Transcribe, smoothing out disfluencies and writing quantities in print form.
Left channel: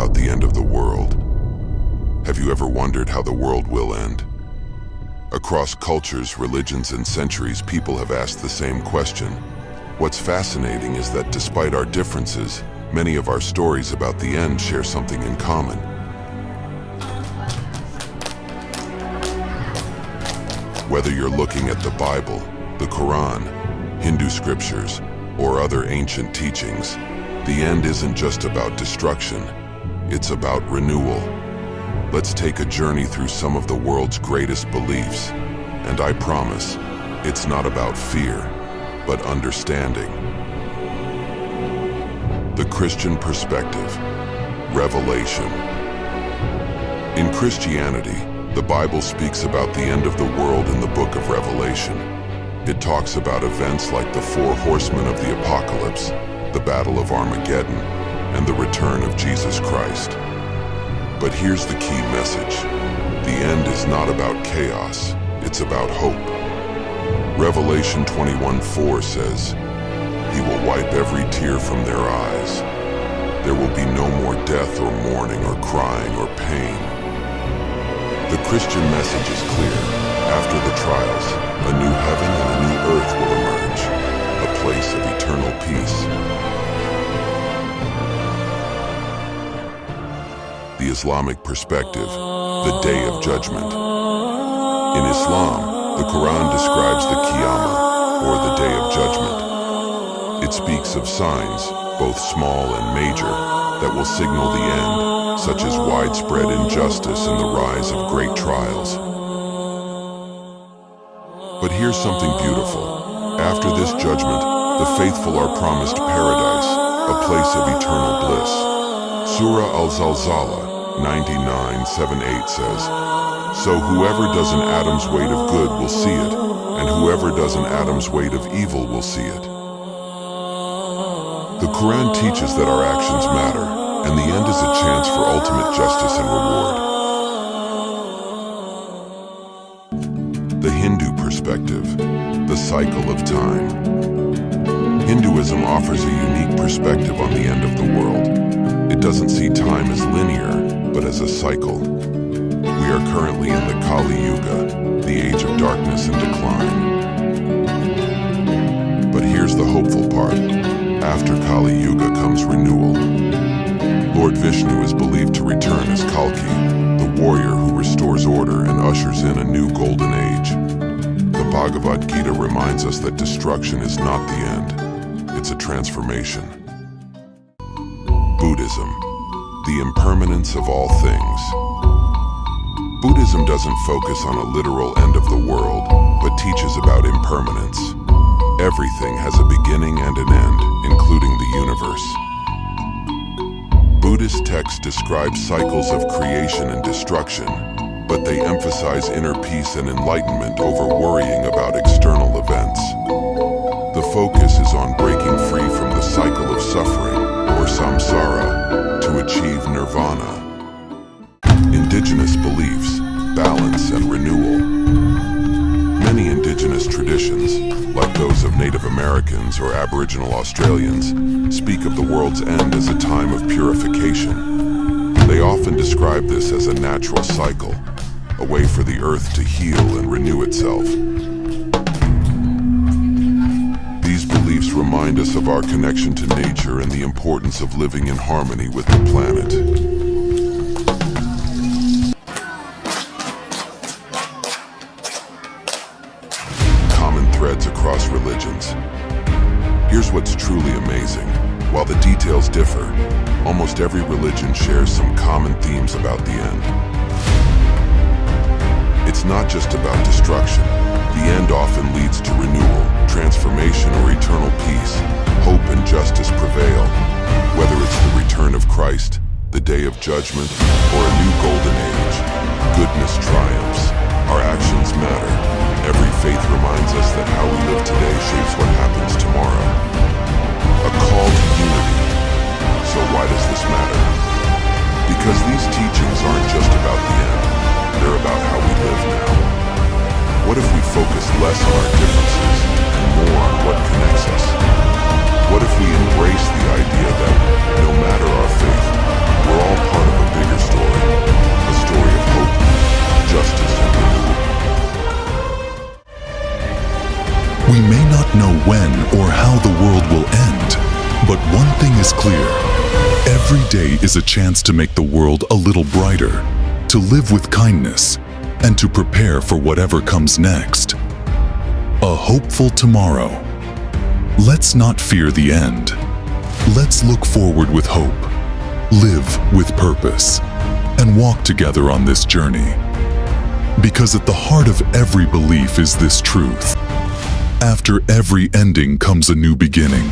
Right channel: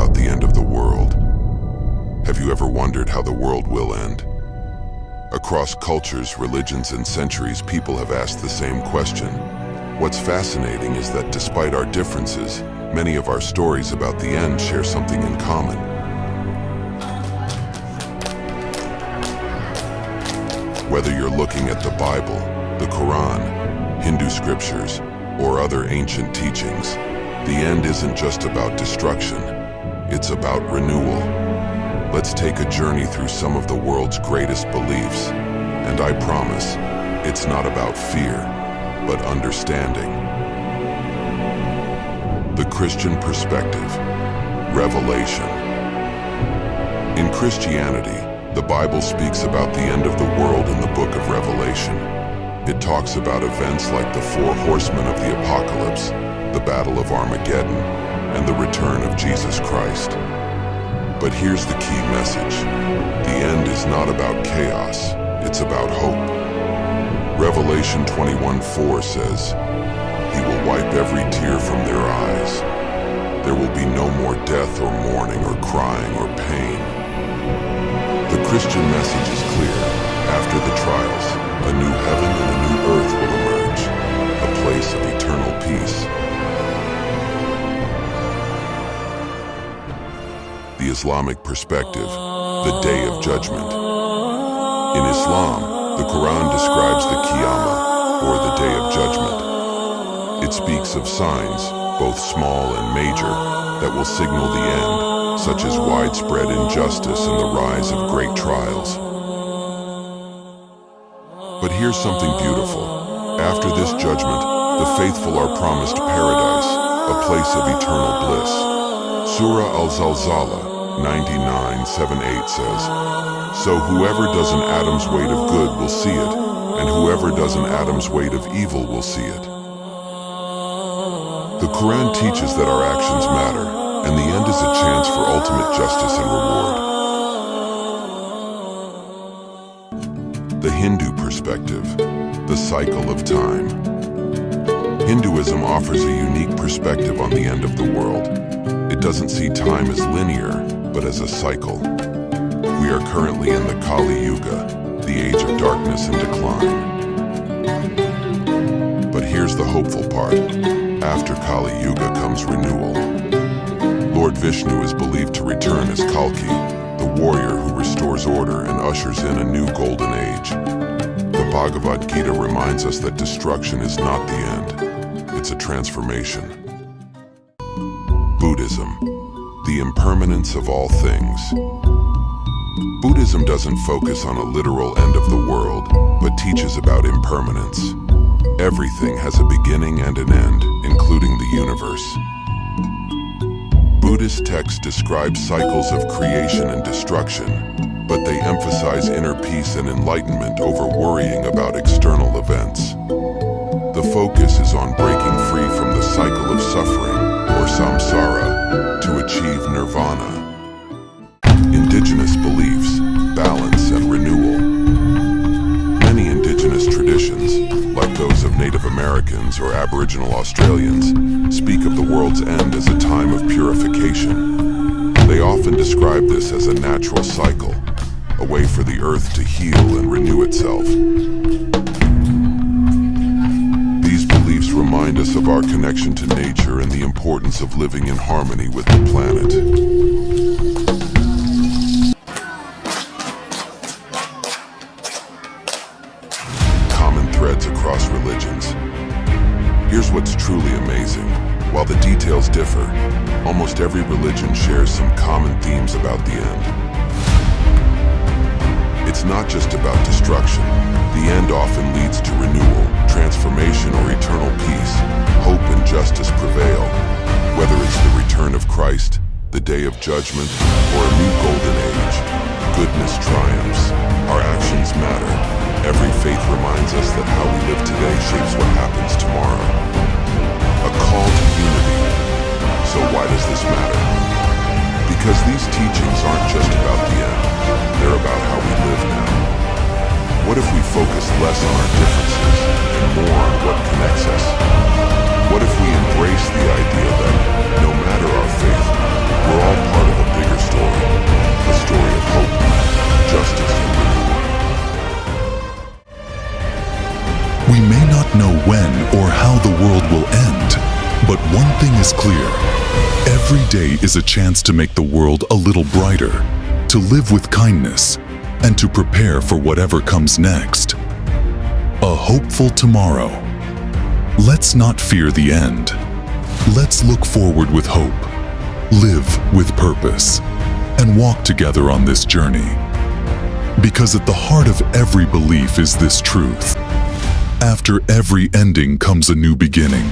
about the end of the world. Have you ever wondered how the world will end? Across cultures, religions, and centuries, people have asked the same question. What's fascinating is that despite our differences, many of our stories about the end share something in common. Whether you're looking at the Bible, the Quran, Hindu scriptures, or other ancient teachings, the end isn't just about destruction, it's about renewal. Let's take a journey through some of the world's greatest beliefs, and I promise, it's not about fear, but understanding. The Christian perspective, Revelation. In Christianity, the Bible speaks about the end of the world in the book of Revelation. It talks about events like the 4 horsemen of the apocalypse, the Battle of Armageddon, and the return of Jesus Christ. But here's the key message. The end is not about chaos, it's about hope. Revelation 21:4 says, "He will wipe every tear from their eyes. There will be no more death or mourning or crying or pain." The Christian message is clear. After the trials, a new heaven and a new earth will emerge, a place of eternal peace. The Islamic perspective, the Day of Judgment. In Islam, the Quran describes the Qiyamah, or the Day of Judgment. It speaks of signs, both small and major, that will signal the end, such as widespread injustice and the rise of great trials. But here's something beautiful. After this judgment, the faithful are promised paradise, a place of eternal bliss. Surah Al-Zalzala 99:7-8 says, "So whoever does an atom's weight of good will see it, and whoever does an atom's weight of evil will see it." The Quran teaches that our actions matter, and the end is a chance for ultimate justice and reward. The Hindu perspective, the cycle of time. Hinduism offers a unique perspective on the end of the world. It doesn't see time as linear, but as a cycle. We are currently in the Kali Yuga, the age of darkness and decline. But here's the hopeful part. After Kali Yuga comes renewal. Lord Vishnu is believed to return as Kalki, the warrior who restores order and ushers in a new golden age. The Bhagavad Gita reminds us that destruction is not the end, it's a transformation. Buddhism, the impermanence of all things. Buddhism doesn't focus on a literal end of the world, but teaches about impermanence. Everything has a beginning and an end, including the universe. Buddhist texts describe cycles of creation and destruction, but they emphasize inner peace and enlightenment over worrying about external events. The focus is on breaking free from the cycle of suffering, or samsara, to achieve nirvana. Indigenous beliefs, balance and renewal. Many indigenous traditions, like those of Native Americans or Aboriginal Australians, speak of the world's end as a time of purification. They often describe this as a natural cycle, a way for the earth to heal and renew itself. These beliefs remind us of our connection to nature and the importance of living in harmony with the planet. Common threads across religions. Here's what's truly amazing. While the details differ, almost every religion shares some common themes about the end. It's not just about destruction. The end often leads to renewal, transformation, or eternal peace. Hope and justice prevail. Whether it's the return of Christ, the day of judgment, or a new golden age, goodness triumphs. Our actions matter. Every faith reminds us that how we live today shapes what happens tomorrow. A call to unity. So why does this matter? Because these teachings aren't just about the end, they're about how we live now. What if we focus less on our differences and more on what connects us? What if we embrace the idea that, no matter our faith, We're all part of a bigger story, a story of hope, justice, and renewal. We may not know when or how the world will end, but one thing is clear. Every day is a chance to make the world a little brighter, to live with kindness, and to prepare for whatever comes next. A hopeful tomorrow. Let's not fear the end. Let's look forward with hope, live with purpose, and walk together on this journey. Because at the heart of every belief is this truth. After every ending comes a new beginning.